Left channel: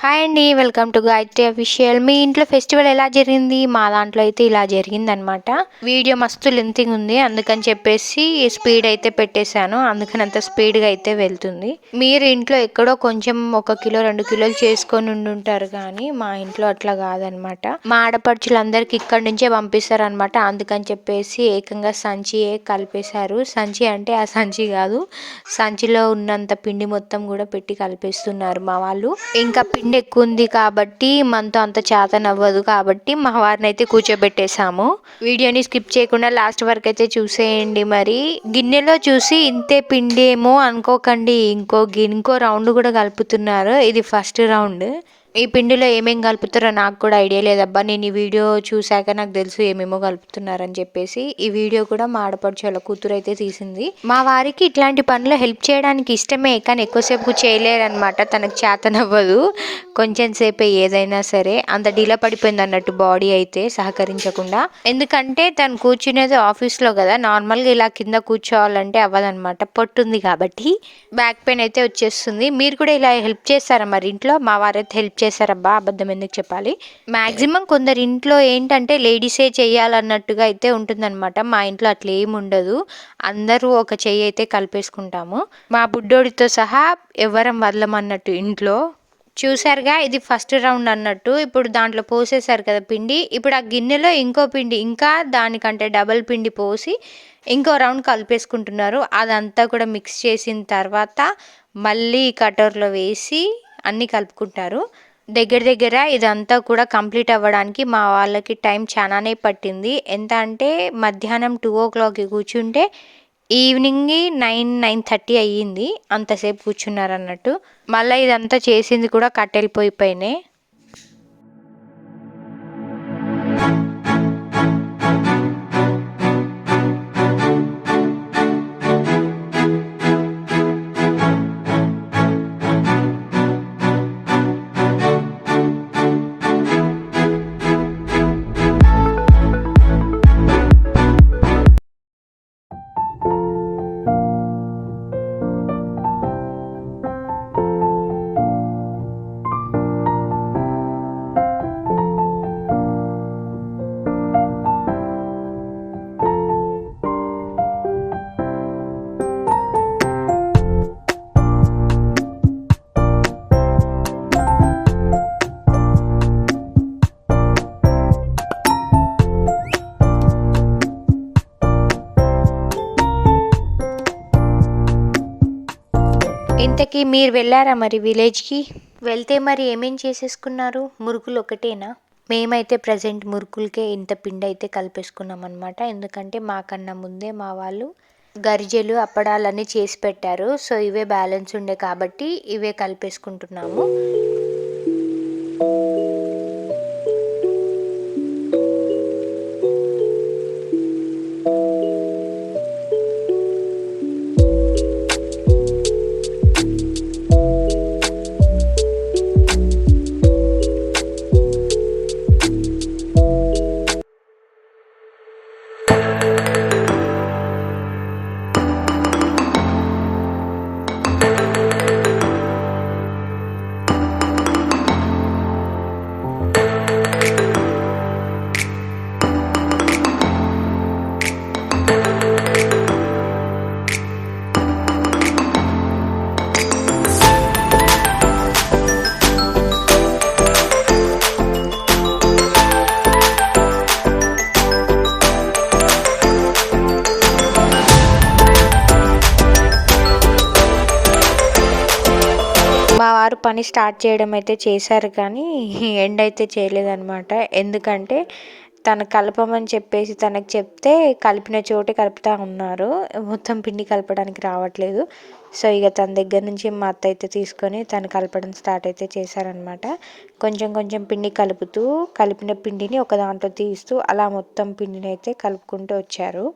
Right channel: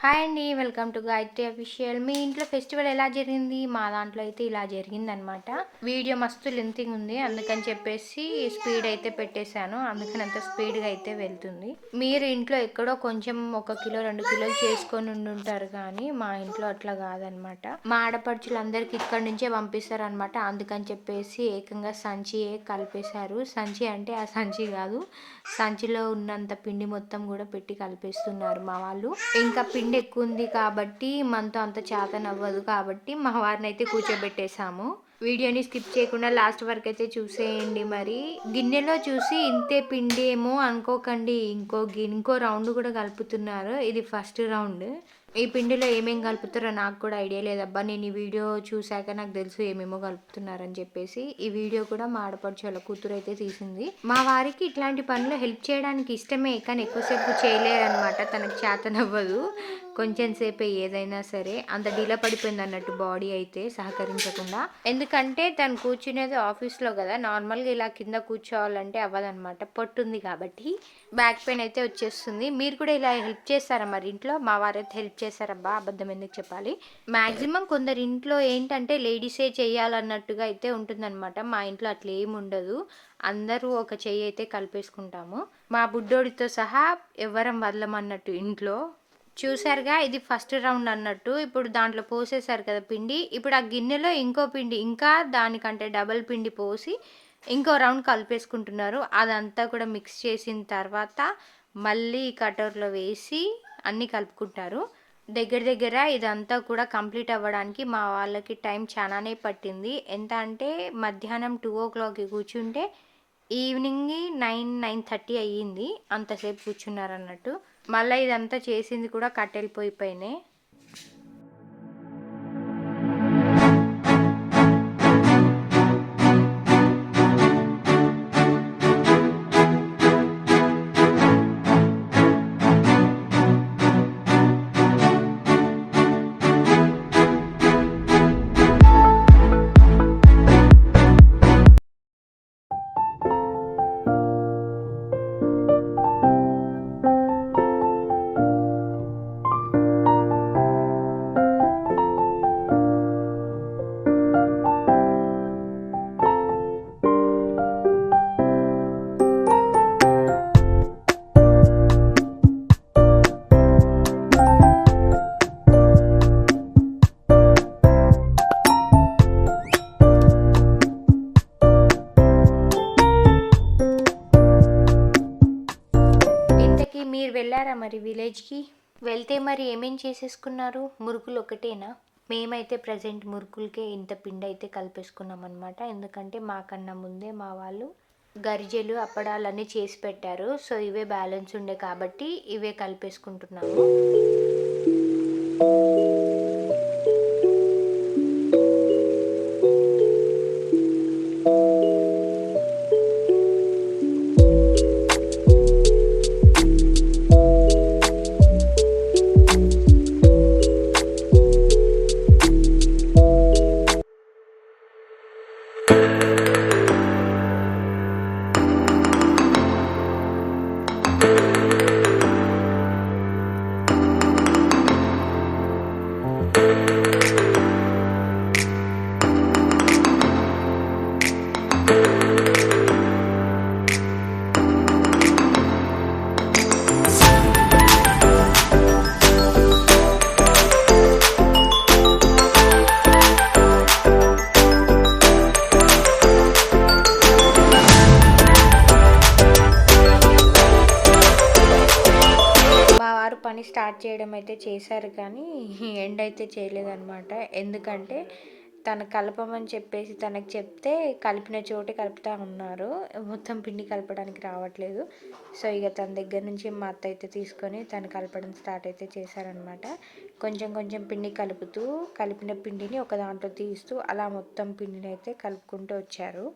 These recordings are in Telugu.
హాయ్ అండి. Welcome to Gayatri official. మీ ఇంట్లో ఫెస్టివల్ ఎలా జరిగింది? మా దాంట్లో అయితే ఇలా జరిగిందనమాట. వీడియో మస్తు లెంతింగ్ ఉంది. అందుకని చెప్పేసి స్పీడ్ అయితే పెట్టేశాను. అందుకని అంత స్పీడ్గా అయితే వెళ్తుంది. మీరు ఇంట్లో ఎక్కడో కొంచెం 1 కిలో 2 కిలోలు చేసుకొని ఉండుంటారు కానీ మా ఇంట్లో అట్లా కాదనమాట. మా ఆడపడుచులందరికీ ఇక్కడి నుంచే పంపిస్తారనమాట. అందుకని చెప్పేసి ఏకంగా సంచియే కలిపేశారు. సంచి అంటే ఆ సంచి కాదు, సంచిలో ఉన్నంత పిండి మొత్తం కూడా పెట్టి కలిపేస్తున్నారు మా వాళ్ళు. ఇంకా పిండి ఎక్కువ ఉంది కాబట్టి మనతో అంత చేతనవ్వదు కాబట్టి మా వారిని అయితే కూర్చోబెట్టేశాము. వీడియోని స్కిప్ చేయకుండా లాస్ట్ వరకు అయితే చూసేయండి. మరి గిన్నెలో చూసి ఇంతే పిండి ఏమో అనుకోకండి, ఇంకో రౌండ్ కూడా కలుపుతున్నారు. ఇది ఫస్ట్ రౌండ్. ఈ పిండిలో ఏమేమి కలుపుతారో నాకు కూడా ఐడియా లేదబ్బా. నేను ఈ వీడియో చూశాక నాకు తెలుసు ఏమేమో కలుపుతున్నారని చెప్పేసి. ఈ వీడియో కూడా మా ఆడపడుచు కూతురు అయితే తీసింది. మా వారికి ఇట్లాంటి పనులు హెల్ప్ చేయడానికి ఇష్టమే, కానీ ఎక్కువసేపు చేయలేరనమాట. తనకు చేతనవ్వదు. కొంచెం సేపే ఏదైనా సరే. అంత డీలా పడిపోయింది అన్నట్టు బాడీ అయితే సహకరించకుండా. ఎందుకంటే తను కూర్చునేది ఆఫీస్లో కదా, నార్మల్గా ఇలా కింద కూర్చోవాలంటే అవ్వదనమాట, పొట్టుంది కాబట్టి. బ్యాక్ పెయిన్ అయితే వచ్చేస్తుంది. మీరు కూడా ఇలా హెల్ప్ చేస్తారా మరి ఇంట్లో? మా వారైతే హెల్ప్ చేశారబ్బా, అబద్ధం ఎందుకు చెప్పాలి. మ్యాక్సిమం కొందరి ఇంట్లో ఏంటంటే లేడీసే చెయ్యాలన్నట్టుగా అయితే ఉంటుందన్నమాట. మా ఇంట్లో అట్లా ఏమి ఉండదు. అందరూ ఒక చెయ్యి అయితే కలిపేసుకుంటాము. మా బుడ్డోడితో సహా ఎవరం వదలమన్నట్టు ఇంట్లో. చూసారుగా, ఇది ఫస్ట్ రౌండ్ అన్నట్టు. ఇప్పుడు దాంట్లో పోసేసారు కదా పిండి. ఇప్పుడు ఆ గిన్నెలో ఇంకో పిండి, ఇంకా దానికంటే డబల్ పిండి పోసి ఇంకో రౌండ్ కలిపేసుకుంటున్నారు. అదంతా కూడా మిక్స్ చేసిన తర్వాత మళ్ళీ కటోర్లో వేసి అన్నీ కలుపుకుంటారు. దగ్గర ఇదంతా కూడా కంప్లీట్ అవ్వడానికి మా వాళ్ళకి టైం చాలానే పట్టింది. ఎంత అంటే మధ్యాహ్నం 2 o'clockకి కూర్చుంటే ఈవినింగ్ 9-9:30 అయ్యింది. అంతసేపు కూర్చున్నారన్నట్టు. మళ్ళీ ఇదంతా చేసింది కూడా కట్టెల పొయ్యి పైనే. ఇంతకీ మీరు వెళ్ళారా మరి విలేజ్కి? వెళ్తే మరి ఏమేం చేసేసుకున్నారు? మురుకులు ఒకటేనా? మేమైతే ప్రజెంట్ మురుకులకే ఇంత పిండి అయితే కలిపేసుకున్నాం అనమాట. ఎందుకంటే మాకన్నా ముందే మా వాళ్ళు గరిజెలు అప్పడాలన్నీ చేసి పెట్టారు. సో ఇవే బ్యాలెన్స్ ఉండే కాబట్టి ఇవే కలిపేసుకుంటున్నాము. పని స్టార్ట్ చేయడం అయితే చేశారు కానీ ఎండ్ అయితే చేయలేదన్నమాట. ఎందుకంటే తను కలపమని చెప్పేసి తనకు చెప్తే కలిపిన చోటే కలుపుతూ ఉన్నారు. మొత్తం పిండి కలపడానికి రావట్లేదు. సో ఇక తన దగ్గర నుంచి మా అత్త అయితే తీసుకొని తను కలపడం స్టార్ట్ అయితే చేశారనమాట. కొంచెం కొంచెం పిండి కలుపుతూ కలిపిన పిండిని ఒక దాంట్లో తీస్తూ అలా మొత్తం పిండిని అయితే కలుపుకుంటూ వచ్చారు.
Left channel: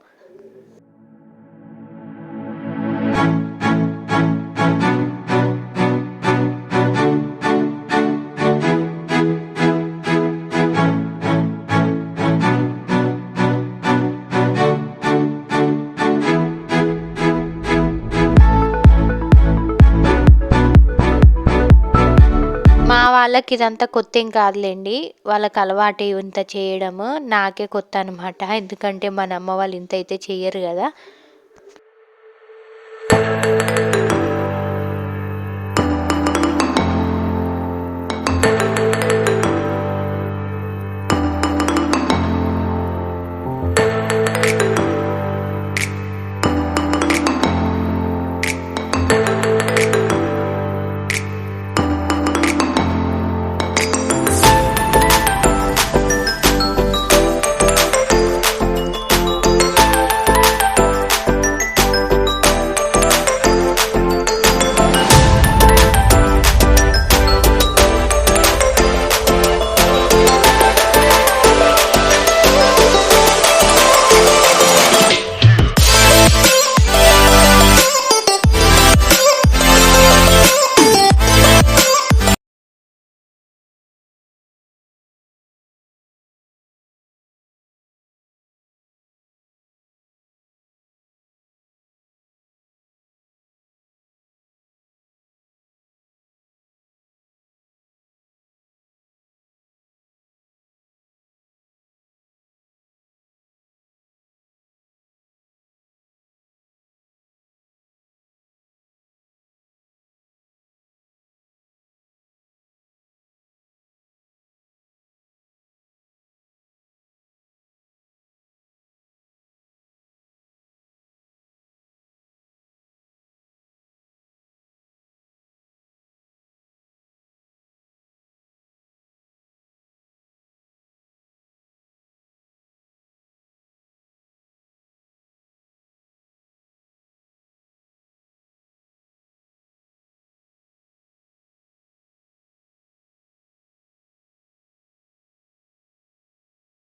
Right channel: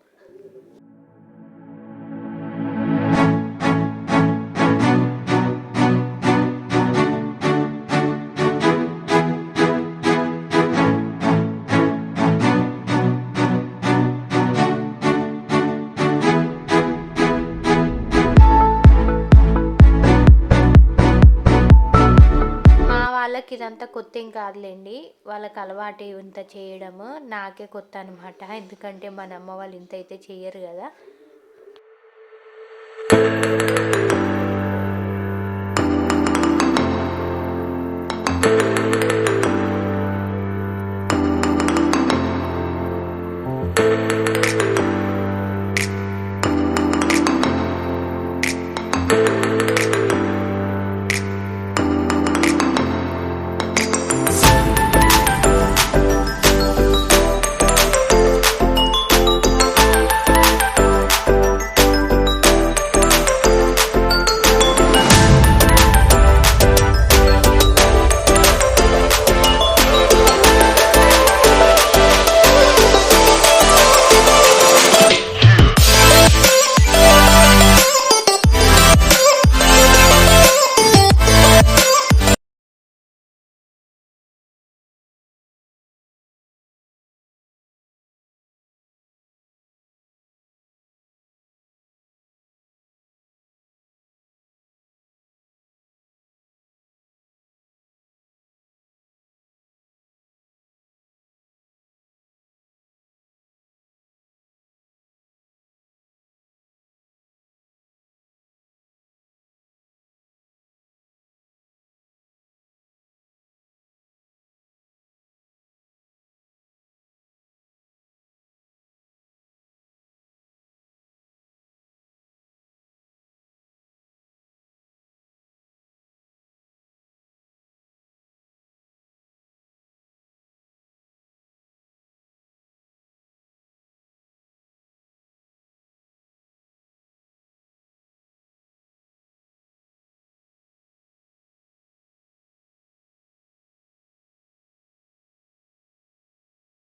వాళ్ళకి ఇదంతా కొత్త ఏం కాదులేండి. వాళ్ళకి అలవాటే ఇంత చేయడము. నాకే కొత్త అనమాట. ఎందుకంటే మన అమ్మ వాళ్ళు ఇంత అయితే చెయ్యరు కదా.